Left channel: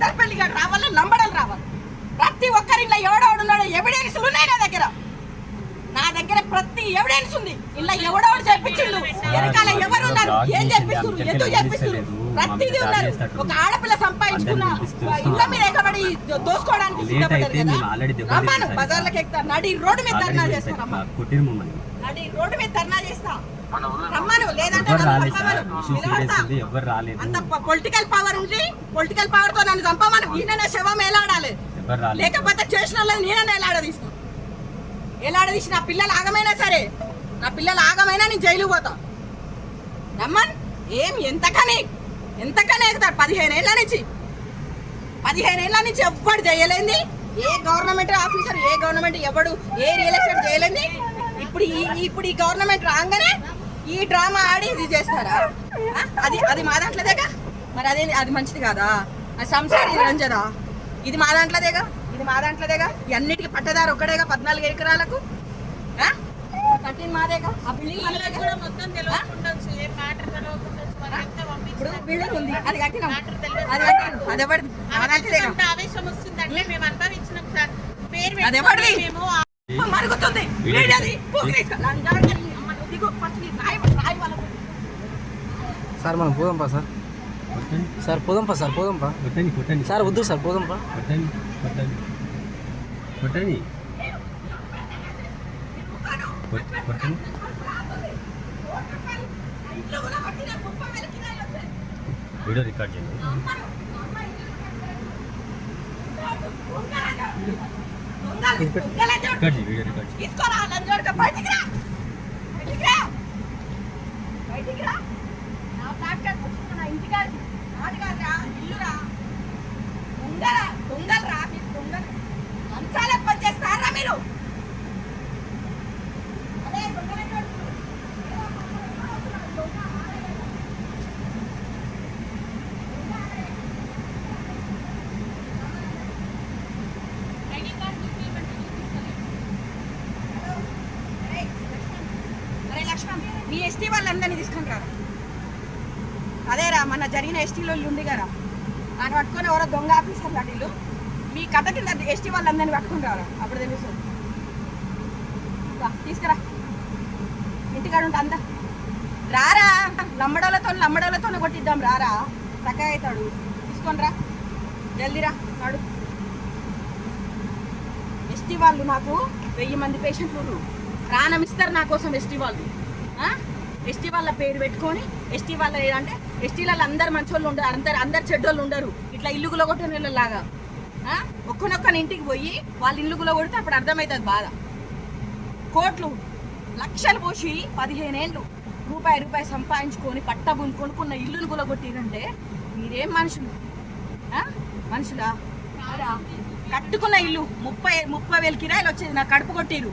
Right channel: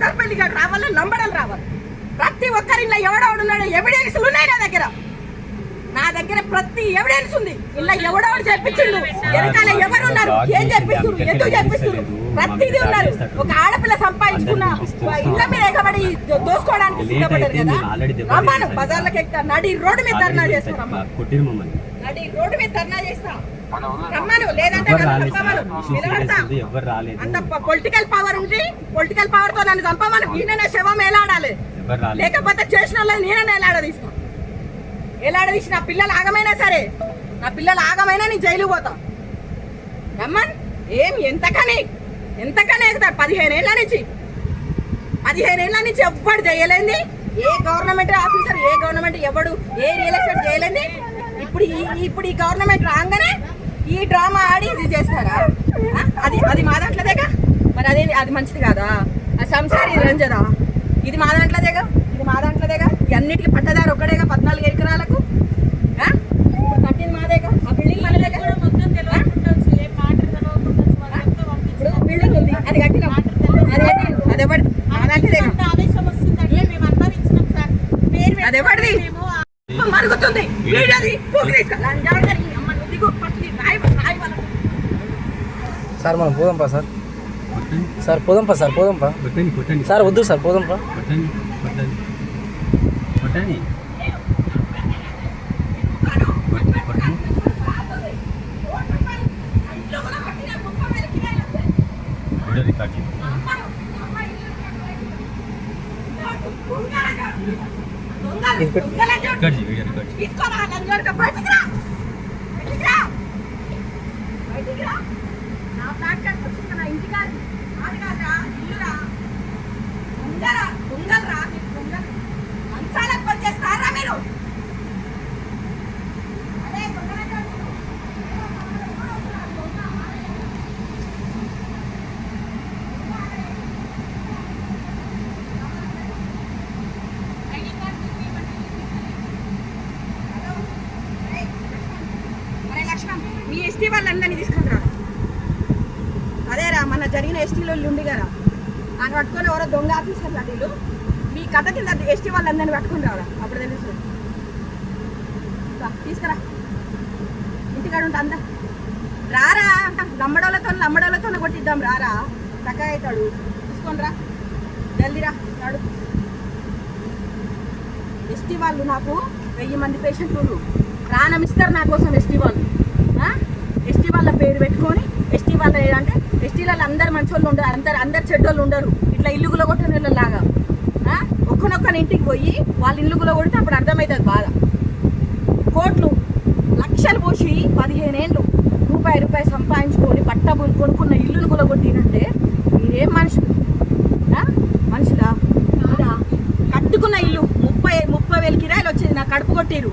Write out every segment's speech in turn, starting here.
పెద్దపల్లి రావాలి, లంబడలు రావాలి. ప్రతి ఒక్కరిలో ఎవడెవడున్నాడు ఎవిడెన్స్లు ఉన్నాయి నా దగ్గర ప్రతి ఎవిడెన్స్ ఉంది. ఇలా ఎవడెవడు చెప్పించిండు, వెనకాల ఎవరున్నారు, ఏం చెప్పిస్తున్నారు, ఎందుకు చెప్పిస్తున్నారు, ప్రతిదీ ఉన్నారు. ఒక ఆడపిల్ల సంపాదించుకున్న ఇళ్ళ మీద ఎగబడి దోసుకోవడానికి సిద్ధపడ్డారు కదా. రమ్మాను బజార్లకు ఎక్కుతా, నడి రోడ్డు మీద ధర్నా చేస్తారు. నడి రోడ్డు మీద ధర్నా చేస్తా, రమ్మను. లేదంటే అంత పొలిటికల్ పవర్ ఉంది, పొలిటికల్ పవర్ తో నన్ను చంపమను. ఈయననే శవం ఎలాడాలి, లేకపోతే చేసిన వాళ్ళని నేననే ఎలాడదీస్తా. ఎలాడదీసి నా పిల్లలు ఆగమైనా సరే, నా పిల్లలు ఆగమైనా నేను జైలు పోతా. రమ్మన్ ఏం ఎంతకని ఎగుతారు. 15 ఏళ్ళ నుంచి ఎవ్వడు చేయలేంది. ఏ గవర్నమెంట్ ఆఫీసర్, ఏ గవర్నమెంట్ ఎవడు ఏ రియల్ ఎస్టేట్ చేయలేంది. ఇప్పుడు ఈ గవర్నమెంట్ రాగానే ఈ డ్రామా ఆడి ఇది చేస్తారా? అది మా దాంట్లోదేగా. మరి అది మంచిది కాదా? ఆ సంసారి రంజదా, ఇది మా దాంట్లోదేగా, అన్నిటికీ పట్టదారు ఒక్కడేగా. 14 ఎకరాలకు కట్టిన మాదేగా. ఆ బిల్డింగ్ మనదేగా. ఇప్పుడు బిల్డింగ్ ఉంది, అది కట్టినాం, అది ఎవరిది? అది ఎవరిది? మరుగుతుంది. సార్ మనం పోదాంపా సార్ పోదాంపా సార్ వద్దు సార్ పోదాంపా. మీ ఎస్టీ వాళ్ళందరినీ తీసుకుని రా. అదేరా మన జరిగిన ఎస్టీలో ఉండి కదా, ఆయన పట్టుకొని ఎవరో దొంగ ఆఫీసర్లు అటు మీ కథ కింద ఎస్టీ వాళ్ళందరినీ పట్టుకుని రావడం. అప్పుడు తెలుసు. తీసుకురా, ఇంటికాడ ఉంటే అంతా రారా. లంబడోళ్ళతో కొట్టిద్దాం. రారా, చక్కగా అవుతాడు. తీసుకొని రా, జల్దీరా నాడు. ఎస్టీ వాళ్ళు నాకు 1000 మంది పేషెంట్లు ప్రాణం ఇస్తారు నా కోసం. ఎస్టీ వాళ్ళ పేరు పెట్టుకొని, ఎస్టీ వాళ్ళ ఏదంటే ఎస్టీలలో అందరు మంచోళ్ళు ఉండరు, అందరు చెడ్డోళ్ళు ఉండరు. ఇట్లా ఇల్లు గులగొట్టిన వాళ్ళలాగా ఒక్కనొక్కని ఇంటికి పోయి వాళ్ళ ఇల్లు గులగొడితే అప్పుడు అర్థమవుతుంది బాధ. కోట్లు లక్షలు పోసి 15 ఏళ్ళు రూపాయి సంపాదించుకొని పట్టబులు కొనుక్కున్న ఇల్లును గులగొట్టినంటే మీరేం మనుషులా? కట్టుకున్న ఇల్లు 30,000 కిరాయిలు వచ్చేది, నాకు కడుపు కొట్టిరు.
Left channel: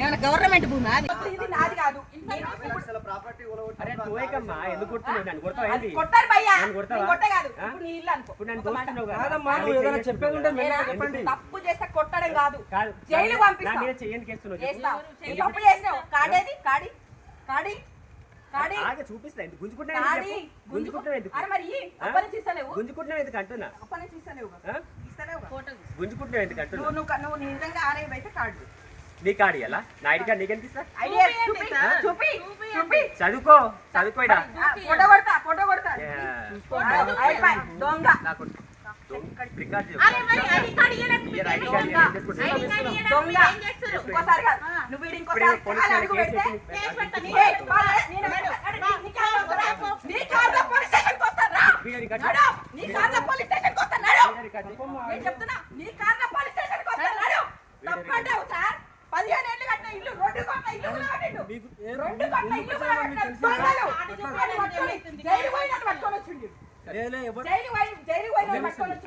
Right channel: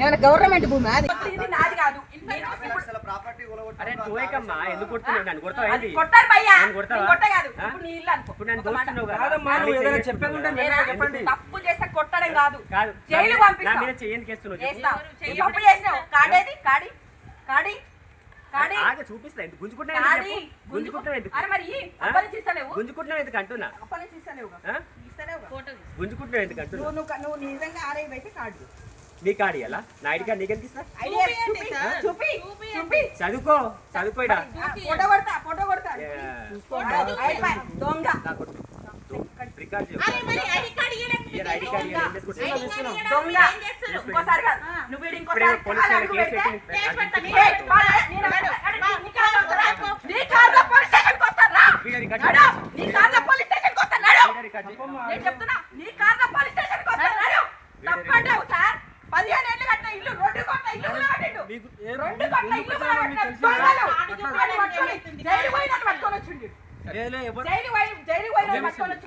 ఏమైనా గవర్నమెంట్ భూమి? ఇది నాది కాదు. కొట్టారు భయ్యా, తప్పు చేస్తే కొట్టడం కాదు, జైలు పంపిస్తావు. తప్పు చేసినావు. కాడేది కాడి నువ్వు నిజంగా ఆరేవి అయితే కార్డు నీ కాడి ఎలా నా ఐడి కార్డు నీకెంత ఇస్తా? చదువుకో చెప్తున్నా. 15 ఏళ్ళు కట్టిన ఇల్లు రోడ్డు కొట్ట ఇల్లు జైలు పోయినట్టు పట్టుకొని వచ్చింది. జైలు పోయినట్టు పట్టుకొని వచ్చి